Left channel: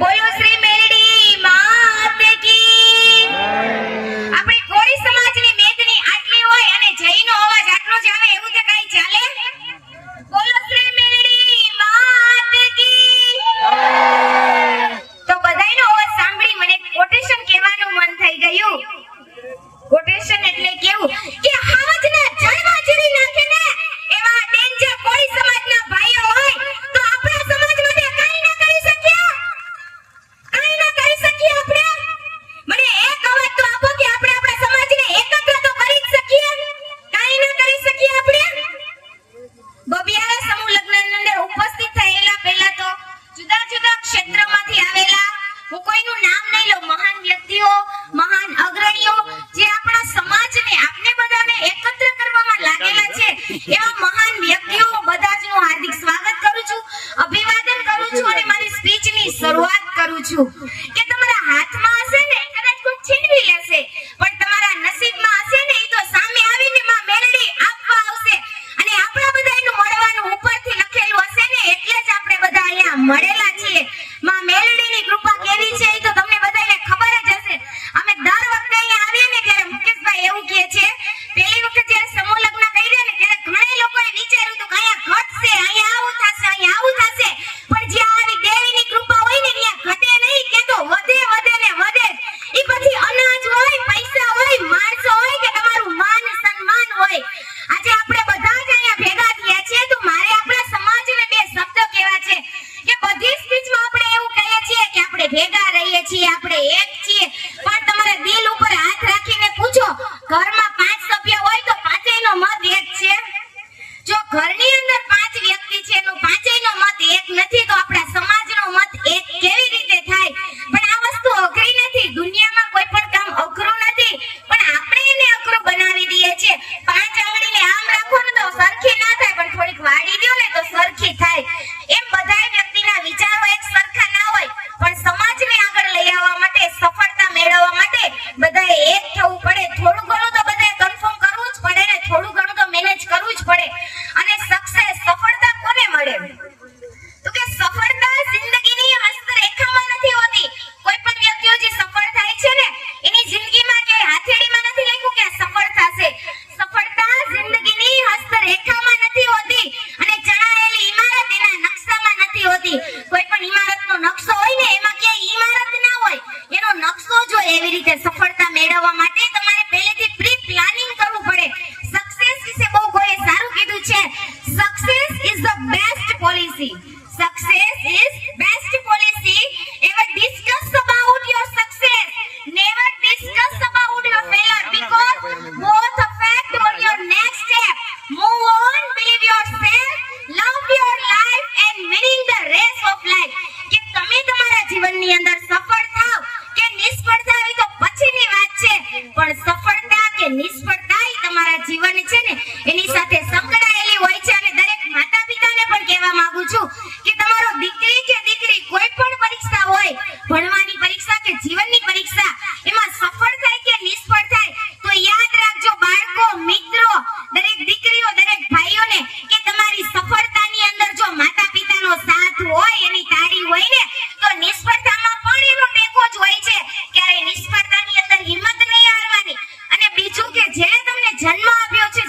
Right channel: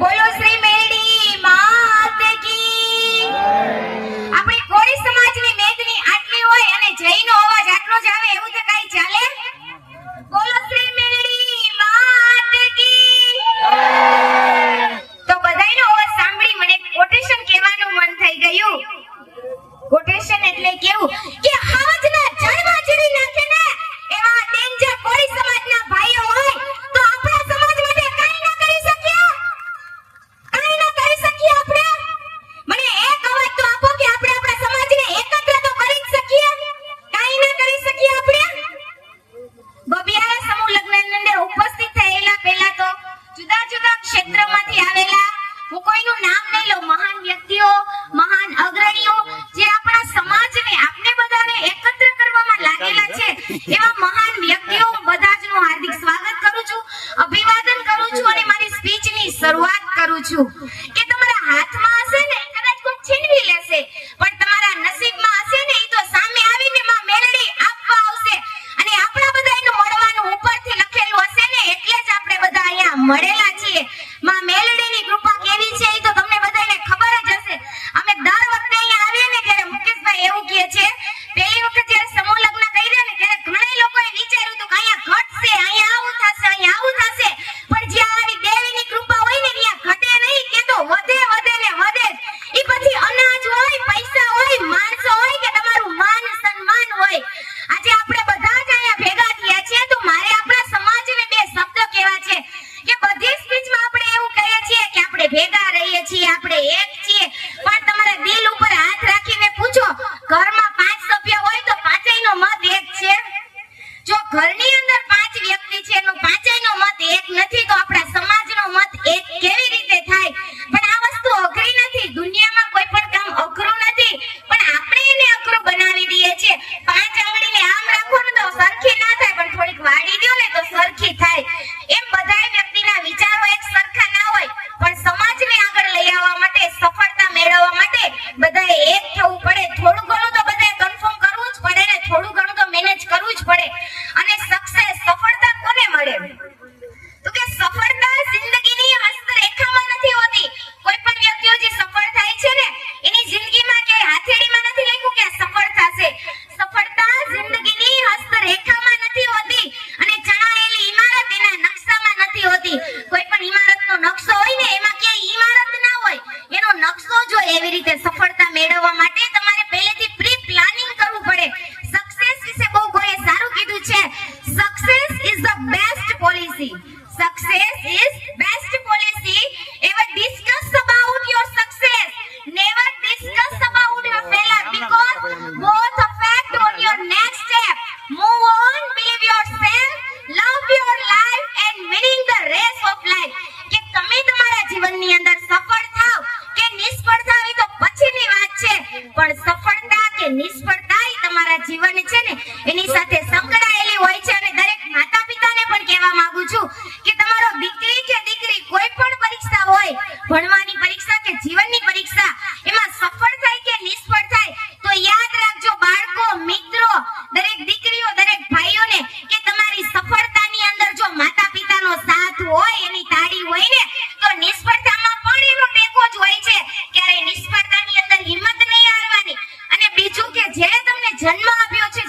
બોલો શ્રી મેલડી માત કી આપણે કોળી સમાજની મેદની આટલી હોય અને જયનો અવાજ આટલો જ આવે એવું તે કાઈ ચાલે? બોલો શ્રી મેલડી માત કી તો બધાયનો અવાજ સાંભળી મને કોટેશન કહેવાનું મન થઈ ગયું. કોટેશન એટલે કેવું કે હાવજના જળવા ચડી નાખે ને એવા ડેન્જર કોળી સમાજના ભાઈઓ હોય તો આપણા સમાજ માટે કંઈ ન કરી શક્યા, કંઈ ન કરી શક્યા આપણે. મને એક અવાજ તો આપો કે આપણે આપણા સમાજને એકત્ર તો કરી જ શકીએ, કંઈ ન કરી શકીએ આપણે. બબિયાના સમૂહ લગ્નની અંદર ઉપસ્થિત થયેલા પહેલા તો જુદા જુદા ક્ષેત્રમાંથી આવેલા, હું કોઈનું નામ નહીં લઉં, મહાન વ્યક્તિઓ, મહાન અગ્રણીઓ જે આપણા સમાજને આપણે બધાને એકત્ર કરવામાં લાગેલા છે એવા મહાન વ્યક્તિઓ બધાનું હાર્દિક સ્વાગત કરું છું, અભિવાદન કરું છું અને મારી સ્પીચની શરૂઆત કરું છું. કે તમારા હાથમાં હશે ને કદાચ કોઈ છીનવી લેશે, પણ તમારા નસીબમાં હશે ને એ તો સામે આવીને માં મેલડી આપવા આવશે. અને આપણા બધાનું મળવાનું ઉપરથી લખેલું હશે ને એટલે જ આપણે બધા અહીંયા મળેલા છીએ. માં મેલડીની કૃપા કેવી છે એ તો તમને બધાને ખબર જ હશે. અમે દર વખતે અહીંયા આવ્યા ને ત્યારે મુકેશભાઈ એવું કહે છે, પહેલી વખત જ્યારે સમૂહ લગ્ન કર્યા ને ત્યારે ઘણા લોકોએ વિચાર્યું હતું કે અહીંયા ઘટશે, અહીંયા આવું થશે, અહીંયા આવું થશે, પણ જ્યાં આવી દેવીની કૃપા હોય ને ત્યાં ઘટે નહીં, ત્યાં તો વધે વધે ને વધે. એ પછી અનાજ હોય, પૈસા હોય, માણસો હોય કે તમારું માન સન્માન હોય. આજે આપણે બધા જ અહીંયા ભેગા થયા છીએ તો મારે આપણા સમાજને બે શબ્દો કહેવા છે કે બધી સ્પીચમાં આપણે એવું કહીએ છીએ કે આપણે ભેગા રહીએ છીએ, આપણે એક છીએ, પણ તમારા દિલ ઉપર હાથ રાખીને પૂછો, ઘરમાં 5 સભ્ય હોય તો પાંચેયનો મત એક છે? જો ઘરની અંદર 5 વ્યક્તિ છે એનો પાંચેયનો મત એક નથી તો આપણા સમાજનો મત એક કેવી રીતે થાય? પણ આ વસ્તુ અઘરી નથી, દુનિયામાં કોઈ પણ કામ અઘરું નથી, પણ આપણે એને અઘરું બનાવી દઈએ છીએ. 5 આંગળીને આમ રાખો ને તો સરખી ના થાય, પણ થોડીક વાળી દો ને તો સરખી થાય. એમ બધાય વ્યક્તિના વિચારો એક સરખા ના હોય, પણ સમાજને આગળ લઈ આવવા માટે, સફળતા મેળવવા માટે બધાએ એક થવું પડે. થોડું ઘણું તો બધાએ કન્ફર્મ કરવું જ પડે ને, થોડું ઘણું તો મેનેજ કરવું જ પડે. અને સક્સેસ, સફળતા કોને મળે? તો કે સફળતા જિંદગીની હસ્તરેખામાં નથી હોતી. કોઈ પણ વ્યક્તિઓ જે સફળ થાય છે ને એની જિંદગીમાં કે હાથેળીમાં નથી લખ્યું કે સફળ થશે. સફળતા જિંદગીની હસ્તરેખામાં નથી હોતી અને જણાયેલી ઈમારત એના નકશામાં નથી હોતી. કોઈ પણ ઈમારતનો નકશો હોય ને એમાં કે ઈમારત ના હોય, એનો નકશો જો એવી રીતે સફળતા મેળવવા માટે તમારે પહેલેથી પ્રી પ્લાનિંગ કરવું પડે. સક્સેસ વિશે બહુ કોઈએ સારું કીધું છે, success is the best policy. Success is best policy. Ever discuss about your success. Never discuss about your failure because both affect on your next step. Move on, believe yourself, love your life and winning the race of life. કે તમે તમારા જીવનની અંદર સફળ થાવ કે નિષ્ફળ થાવ એ તો પછીની વાત છે, પણ સફળતા કે નિષ્ફળતા એ તમારા જીવન છે ને એની સાથે સંકળાયેલી હોય છે. અને દરેક માતા પિતાને પણ કહેવા માંગુ છું કે તમારો દીકરી કે દીકરી કોઈ પણ પરીક્ષા હોય, ભણવાની પરીક્ષા કે જીવનની પરીક્ષા, એમાં સફળ થાય કે નિષ્ફળ થાય તો યાદ રાખજો બાળકો, મિત્રો, દરેક દીકરીઓ, દરેક ભાઈઓને કે તમારી સફળતાની અંદર જો માતા પિતાનો સાથ હોય, એની તાળી હોય ને તો નિષ્ફળતામાં પણ એનો ટેકો જ હોય છે. ક્યારે નિષ્ફળતાની અંદર હિંમત નહીં હારવાની. અને બીજું કે જેને તમને જન્મ આપ્યો છે,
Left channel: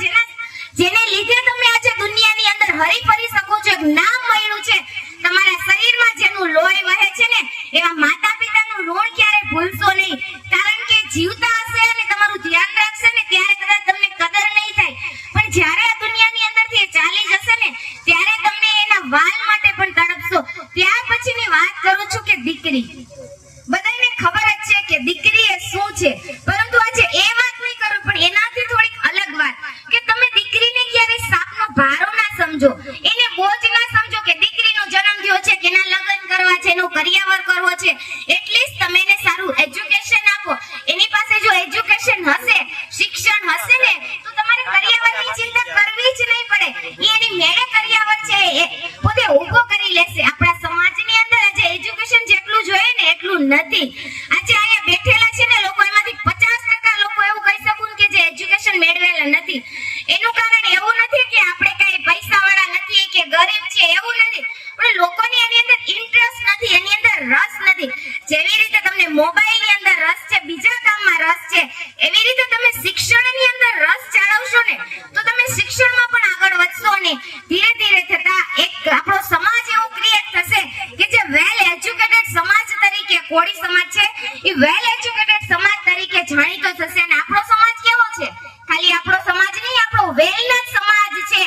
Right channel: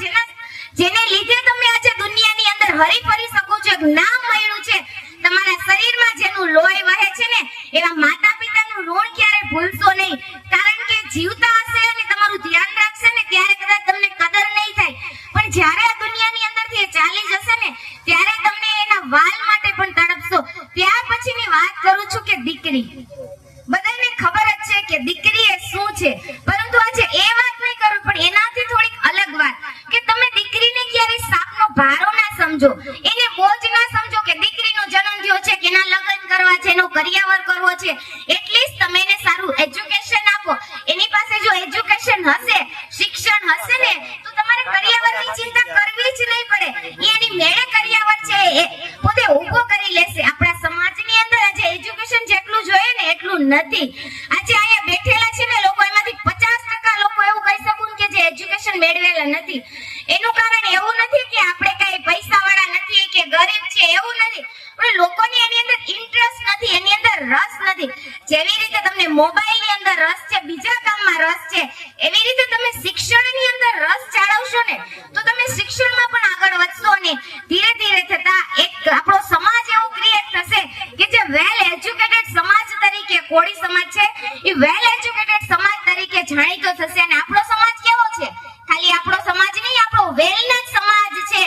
જેને લીધે તમે આજે દુનિયાની અંદર હરી ફરી શકો છો, એક નામ મળ્યું છે, તમારા શરીરમાં જેનું લોહી વહે છે ને એવા માતા પિતાનું ઋણ ક્યારે ભૂલશો નહીં. કારણ કે જીવતા હશે અને તમારું ધ્યાન રાખશે ને ત્યારે કદાચ તમને કદર નહીં થાય, પણ જ્યારે આ દુનિયાની અંદરથી એ ચાલી જશે ને ત્યારે તમને એના વાલ માટે પણ તડપશો. ત્યાર પછીની વાત કરું છું કે દીકરી. બધાને ખબર જ છે કે દીકરી એ શું છે, પરંતુ આજે એ વાત નહીં કરું પણ એનાથી થોડીક અલગ વાત કે તમે દીકરીને ક્યારેય સાપનો ભારો ના સમજો, એને બોજ ના સમજો કે દીકરીનો જન્મ થયો છે કે એના લગ્ન કરવા છે, એનો કરિયાવર કરવો છે, એટલીસ્ટ તમે એને સારું એજ્યુકેશન આપો. એની પાસે જો એજ્યુકેશન હશે, શિક્ષણ હશે ને તો તમારે કરિયાવરની ચિંતા કરવી જ નહીં પડે. એની મેળે કરિયાવર છે એ પોતે ઊભો કરી લેશે. આપણા સમાજની અંદર આજે એજ્યુકેશન જેટલું જોઈએ ને એટલું નથી. આજે અહીંયા બેઠેલા છે ને લોકો, એમાંથી 50% લોકો એવું કહી શકું કે જે એજ્યુકેશન મેળવેલા નથી. એનું કારણ એવું નથી કે આપણે કઈ પૈસાવાળા નથી કે ગરીબ છે, એવું નથી, પણ લોકોને એની અંદર ઇન્ટરેસ્ટ નથી, એની અંદર રસ નથી. નથી. જેવી રીતે તમને મોબાઈલની અંદર રસ છે, બીજા કામમાં રસ છે, એવી રીતે તમે શિક્ષણની અંદર રસ જાળવશો ને તો તમે શિક્ષણમાં પણ આગળ વધશો ને ધીરે ધીરે થતા એક આપણો સમાજ એવું ક્રિએટ થશે કે જે વેલ એજ્યુકેટેડ સમાજ તરીકે કોળી સમાજ છે એ વેલ એજ્યુકેટેડ સમાજ તરીકે જાણીતો થશે. અને આપણો સમાજ કેવો છે? ખાલી આપણો સમાજ નહીં, આપણો વેલનાથ સમાજ છે.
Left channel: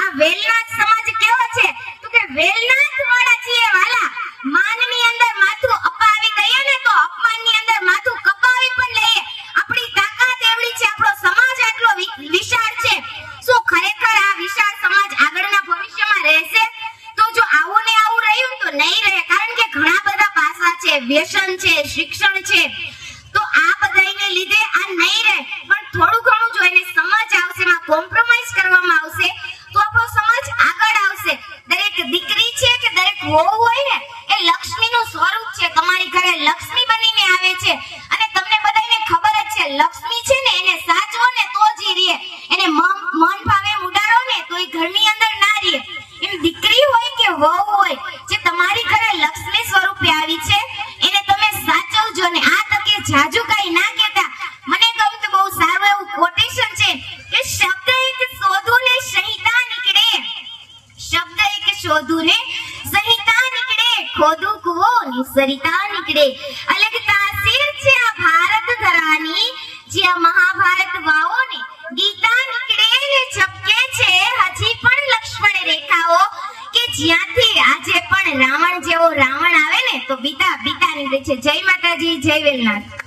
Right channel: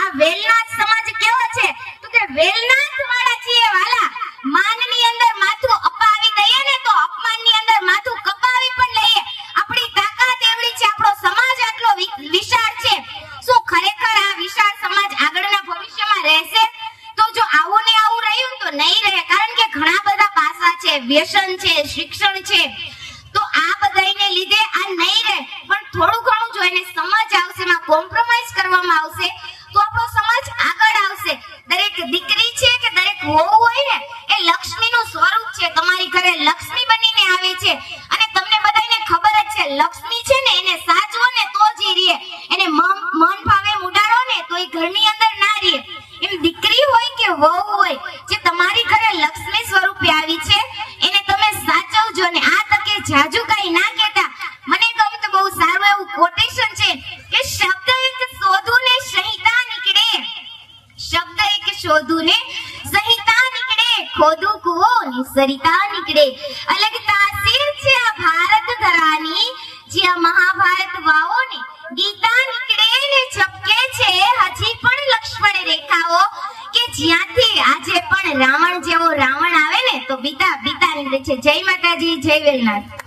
આ વેલનાથ સમાજ કેવો છે? તો કે વેલનાથ વાળા છીએ વાલા. માનની અંદર માથું અપાવી દઈએ ને તો અપમાનની અંદર માથું કપાવી પણ લઈએ. આપણી તાકાત એવડી છે, આપણો સમાજ આટલો વિશાળ છે. શું ખરેખર આ વિશાળ સમાજ આગળના ભવિષ્યમાં રહેશે? તો જો આવું ને આવું રહ્યું તો નહીં રહે, કારણ કે ઘણા બધા પાસા છે, વ્યસન છે, શિક્ષણ છે. તો આ બધાને લીધે આ નહીં રહે, પણ થોડું ઘણું જો એને સમજ આવશે, એમાં કોમ્પ્રોમાઇઝ કરવામાં આવશે તો આપણો સમાજ આગળ આવશે. દરેક દીકરી છે કે દરેક વહુ હોય ને એ લક્ષ્મીનું સ્વરૂપ છે. તમારી ઘરે લક્ષ્મી બનીને આવે છે અને તમને બધાને ખબર જ છે લક્ષ્મી છે ને એને સાચવો ને તો જ ઈ રહે, એને મન ભાવે ઉડાડો ને તો એ ઘરની અંદર ના રહે. એમ દીકરી હોય કે વહુ હોય, જે તમારી ઘરે લક્ષ્મી સ્વરૂપે આવી છે એને તમે સાચવજો ને આ તકે જાજુ કઈ ના કહેતા. મને કહું તો બહુ સારું એવું કોટેશન છે કે શબ્દ એક શોધું ને સંહિતા નીકળે, શબ્દ એક શોધું ને સંહિતા નીકળે, ખોદું કુવો ને સરિતા નીકળે. અલગ તાસીર છે આ ભારત ધરાની, જ્યાં મહાભારત વાવો ને ગીતા નીકળે ને ઝબકે છે હજી પણ લક્ષ્મણ રેખાઓ, કે જ્યાંથી આજે પણ રાવણ જેવો રાવણ આવે ને તો બીતા નીકળે છે. જય માતાજી, જય વેલનાથ.